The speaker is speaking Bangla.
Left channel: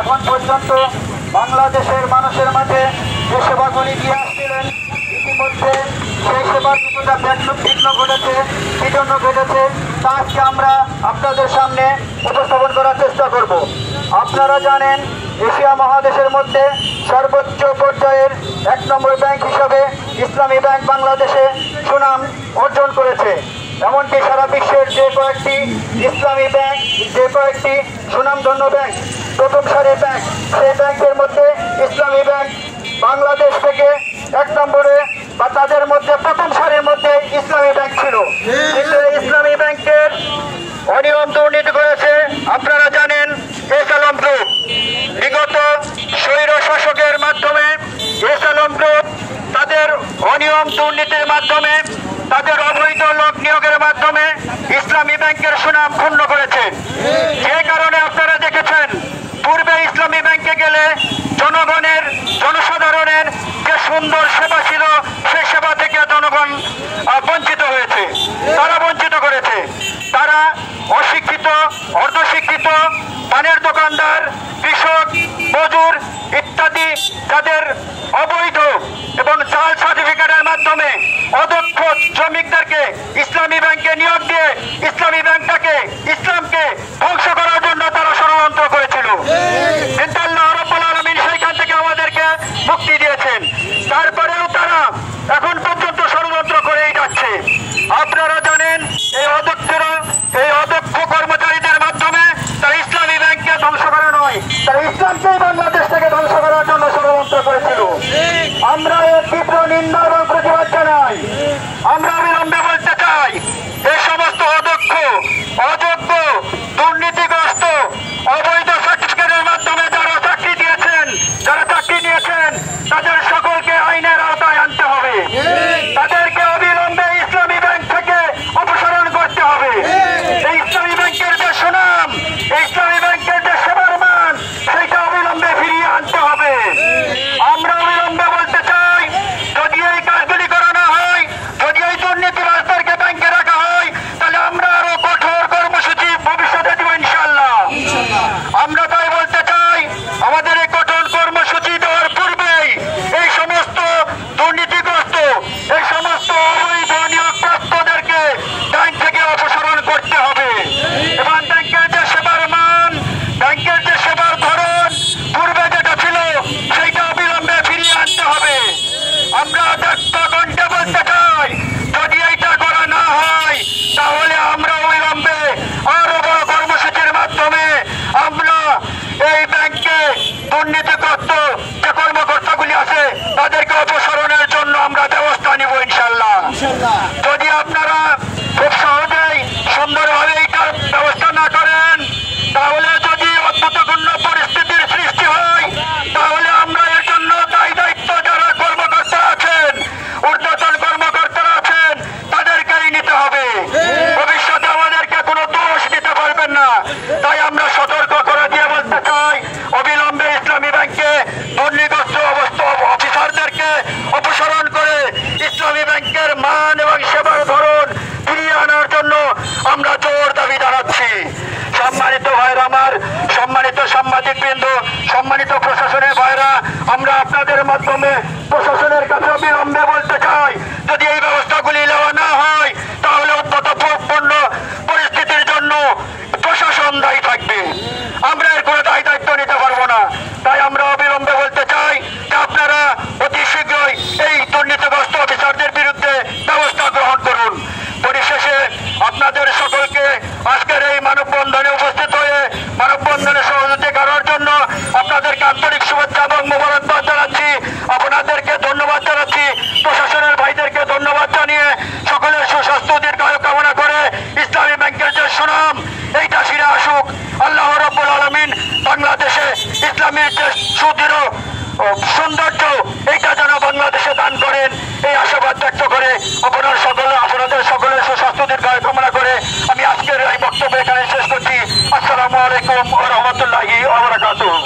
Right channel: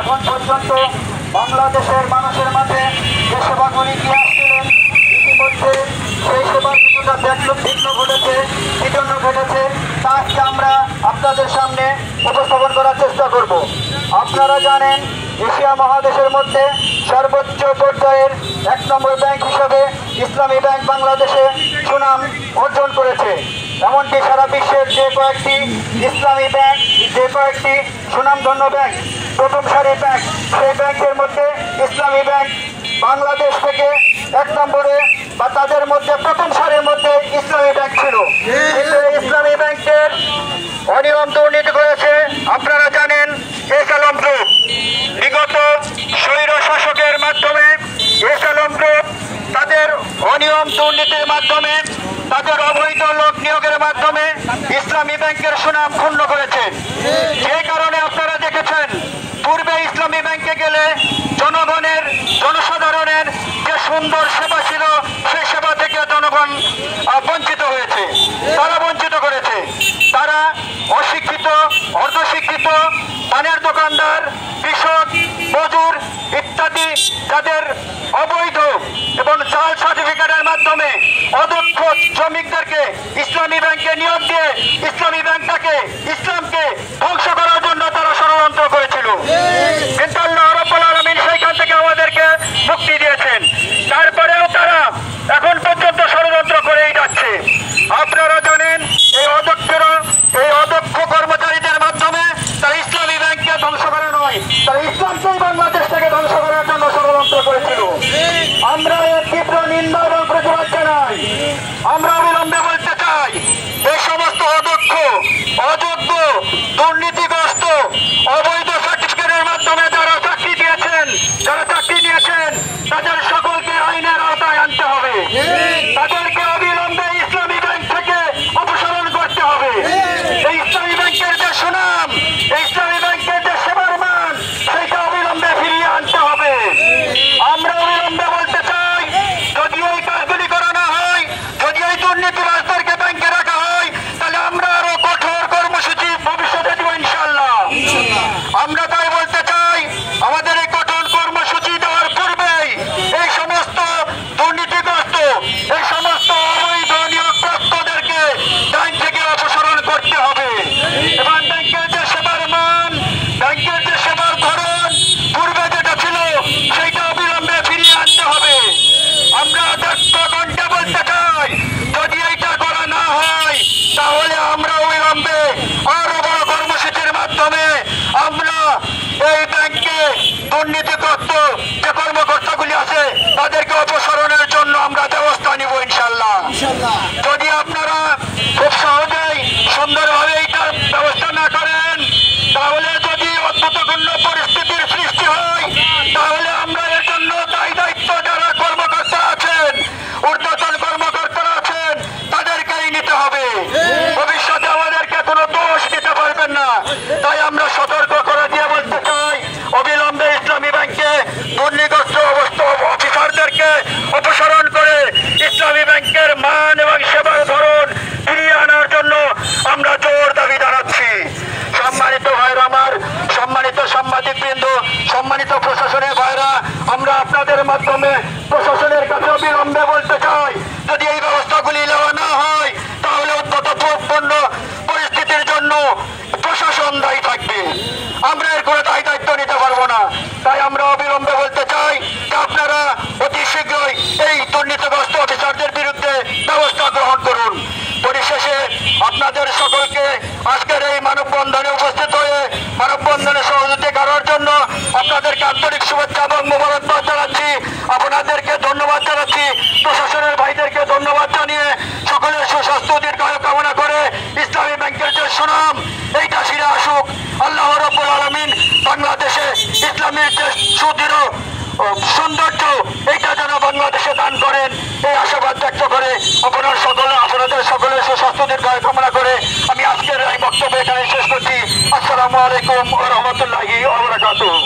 এখন পর্যন্ত বাংলাদেশের মানুষের মাঝে যে সেবাগুলি দিয়ে আসছিলেন, ইতিমধ্যে সেই সেবার কিছুটা বিঘ্ন ঘটেছে, বিঘ্ন ঘটেছে, তা আজকে আমরা আপনাদের সামনে উপস্থাপন করার চেষ্টা করব। আপনারা জানেন, এশিয়া মহাদেশের মধ্যে সর্বোচ্চ পর্যায়ের 1 নম্বর ব্যাংক হিসাবে ইসলামী ব্যাংক বাংলাদেশে সুনাম অর্জন করেছে। এমনকি সারা বিশ্বের যে কয়েকটি ইসলামী ব্যাংক, যে কয়েকটি সুনামধন্য ব্যাংক, প্রথম সারির ব্যাংক, সেই ব্যাংকের মধ্যে ইসলামী ব্যাংক বাংলাদেশ থেকে 1 নম্বরে বা তাদের মধ্যে প্রথম সারির মধ্যে ইসলামী ব্যাংক ছিল। কিন্তু ইসলামী ব্যাংকের অনিয়ম দুর্নীতি করেছে আপনারা জানেন এস আলম গ্রুপ। বিগত স্বৈর শাসকের মাধ্যমে এস আলম গ্রুপ তাদের অনিয়ম দুর্নীতির মাধ্যমে, তাদের অবৈধ লোক নিয়োগের মাধ্যমে ইসলামী ব্যাংকের সুনাম ক্ষুণ্ণ করেছে। যে কারণে আপনারা দেখেছেন, পূর্বে ইসলামী ব্যাংকে গেলে জনসাধারণের যে সুন্দর সেবা ছিল, সেই সেবা থেকে জনগণ বঞ্চিত হয়েছে, তারা বঞ্চিত করেছে। তারা অশিক্ষিত, অর্ধশিক্ষিত, পানের দোকানদার, কৃষক, মজুর ইত্যাদি যাদের অবৈধ এবং জাল সার্টিফিকেটের মাধ্যমে অদক্ষ শ্রমিকদেরকে ইসলামী ব্যাংকে নিয়োগ দিয়ে ইসলামী ব্যাংকটাকে, ইসলামকে ধ্বংস করার জন্য তারা ষড়যন্ত্র করেছিল। কিন্তু আল্লাহ রাব্বুল আলামিন সেইখান থেকে আমাদেরকে মুক্তি দিয়েছেন। তারপরেও তারা এখন পর্যন্ত ষড়যন্ত্র করেই যাচ্ছে। আপনারা জানেন, এই অদক্ষ কর্মচারীদের মাধ্যমে তারা ইসলামী ব্যাংককে ধ্বংস করা নয়, তারা ইসলামকেই বাংলাদেশ থেকে ধ্বংস করার জন্য ষড়যন্ত্র করেছিল। আমরা এর তীব্র নিন্দা এবং প্রতিবাদ জানাই। আমরা অবিলম্বে বলতে চাই, এই সমস্ত অদক্ষ, অযোগ্য, দুর্নীতিগ্রস্ত, অবৈধ সার্টিফিকেটের মাধ্যমে যারা চাকরি নিয়েছেন, তাদের সকলকে আইনের আওতায় আনতে হবে। তাদেরকে অবিলম্বে ইসলামী ব্যাংক থেকে অপসারণ করতে হবে। এই ইসলামী ব্যাংকের যে সুনাম, ইসলামী ব্যাংকের যে সেবার মান, সেইটা অবিলম্বে ফিরিয়ে আনতে হবে। আমরা অবিলম্বে বলতে চাই, যদি এই কাজগুলি করানো হয়, যদি এই দুর্নীতিবাজদেরকে ব্যাংকে রাখা হয়, তাহলে আমরা আরো কঠোর কর্মসূচি ভবিষ্যতে দেব ইনশাআল্লাহ। আমরা তাই বলতে চাই, আমাদের এই কঠোর কর্মসূচি দেওয়ার পূর্বেই এই সমস্ত দুর্নীতিগ্রস্ত, এই সমস্ত অবৈধ নিয়োগপ্রাপ্তদেরকে ব্যাংক থেকে অপসারণ করতে হবে এবং ব্যাংকের যে সেবার মান, ব্যাংকের যে সেবার ধরন পূর্বে যেটা ছিল, সেইটা অবিলম্বে ফিরিয়ে আনতে হবে। আমরা কণ্ঠে বলতে চাই, যদি এইটা করা না হয়, তাহলে আমরা অবিলম্বে আরো বড় কর্মসূচির মাধ্যমে আমরা এই ব্যাংকে দুর্নীতিগ্রস্ত যে কর্মকর্তাগুলি আছে, তাদেরকে অপসারণের জন্য আমরা ব্যবস্থা নিব ইনশাআল্লাহ। যদি আপনারা খুব সহজেই সুন্দরভাবে এইটার ব্যবস্থা না করেন, তাহলে যদি অদ্ভুতপূর্ণ পরিস্থিতির সৃষ্টি হয়, তাহলে আমরা এর জন্য দায়িত্ব যারা কর্মকর্তা আছেন, ঊর্ধ্বতন কর্মকর্তারা আছেন, তাদেরকেই নিতে হবে। ভবিষ্যতে আমাদেরকে কোনো দোষ দিতে পারবেন না। তাই আমরা সতর্ক করে দিয়ে বলতে চাই, অবিলম্বে ইসলামী ব্যাংকে দুর্নীতিগ্রস্ত অফিসারদেরকে অপসারণ করে ইসলামী ব্যাংকের মান এবং সেবার ধরন ফিরিয়ে আনার জন্য আমরা জোর দাবি জানাচ্ছি। সম্মানিত ভাইরা আমার, সম্মানিত সাংবাদিকবৃন্দ, সম্মানিত প্রশাসনের ভাইরা, আমরা আপনাদের মাধ্যমে প্রশাসনের কাছে অবিলম্বে বলতে চাই, যদি এই ব্যবস্থাগুলি নেওয়া না হয়, তাহলে উদ্ভূতপূর্ণ পরিস্থিতির জন্য প্রশাসন দায়ী থাকবে। আমরা এর কোনো দায়িত্ব নিতে পারবো না। তাই আমরা অবিলম্বে বলতে চাই যে আপনারা অতি শীঘ্রই এই দুর্নীতিগ্রস্ত অফিসারদের বিরুদ্ধে ব্যবস্থা গ্রহণ করুন। পরিশেষে আপনাদের সকলকে আজকের এই মানববন্ধনে উপস্থিত হয়ে মানববন্ধনে সহযোগিতা করার জন্য আপনাদেরকে আন্তরিক শুভেচ্ছা এবং মোবারকবাদ জানাচ্ছি। আপনাদেরকে ধন্যবাদ জানাচ্ছি। প্রশাসনের ভাইদেরকে ধন্যবাদ জানিয়ে সকলের সুস্বাস্থ্য দীর্ঘায়ু কামনা করে ইসলামী ব্যাংকের যে সুনাম, এইটা ফিরে আসুক। আল্লাহ রাব্বুল আলামিন বাংলাদেশে ইসলামের যে সুদৃঢ় সৌন্দর্য, এইটা যেন বাংলাদেশে দান করেন, এই আশাবাদ ব্যক্ত করে আপনাদের সকলের সুস্বাস্থ্য দীর্ঘায়ু কামনা করে আমি আজকের এই বক্তব্য এখানে শেষ করছি। আসসালামু আলাইকুম ওয়া রাহমাতুল্লাহি ওয়া বারাকাতুহু।